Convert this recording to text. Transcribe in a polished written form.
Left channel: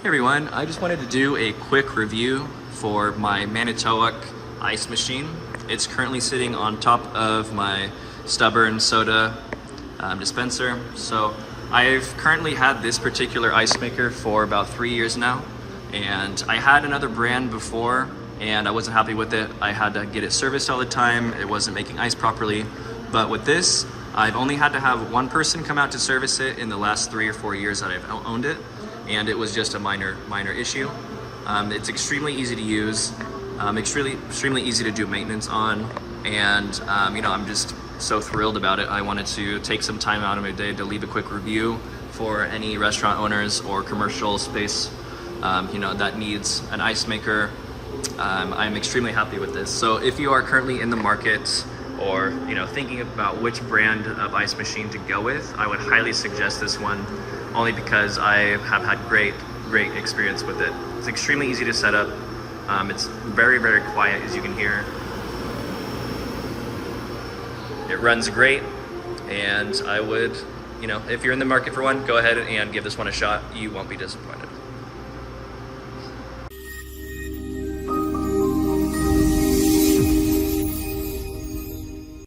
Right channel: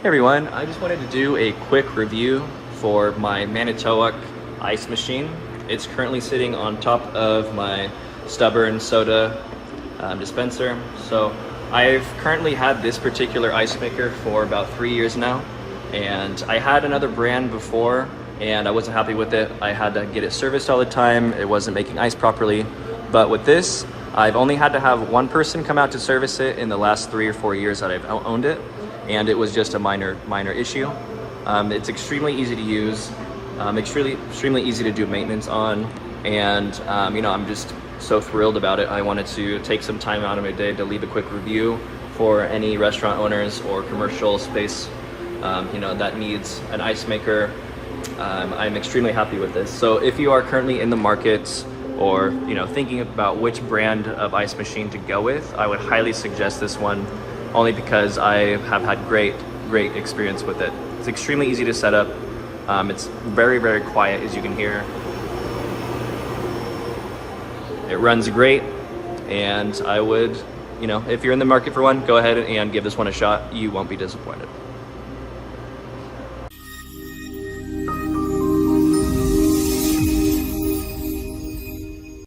Hey everyone, I just wanted to do a quick review for my Manitowoc ice machine. It's currently sitting on top of my stubborn soda dispenser. So I've currently had this particular ice maker for about 3 years now, and I had another brand before and I wasn't happy with it. I had to get it serviced all the time. It wasn't making ice properly. But with this, I've only had to have one person come out to service it in the last 3 or 4 years that I've owned it, and it was just a minor issue. It's extremely easy to use, extremely easy to do maintenance on, and I'm just so thrilled about it. I wanted to take some time out of my day to leave a quick review for any restaurant owners or commercial space that needs an ice maker. I'm extremely happy with this. So if you are currently in the market or thinking about which brand of ice machine to go with, I would highly suggest this one, only because I have had great experience with it. It's extremely easy to set up. It's very quiet, as you can hear. It runs great, and I would, if you're in the market for one, go ahead and give this one a shot. You won't be disappointed.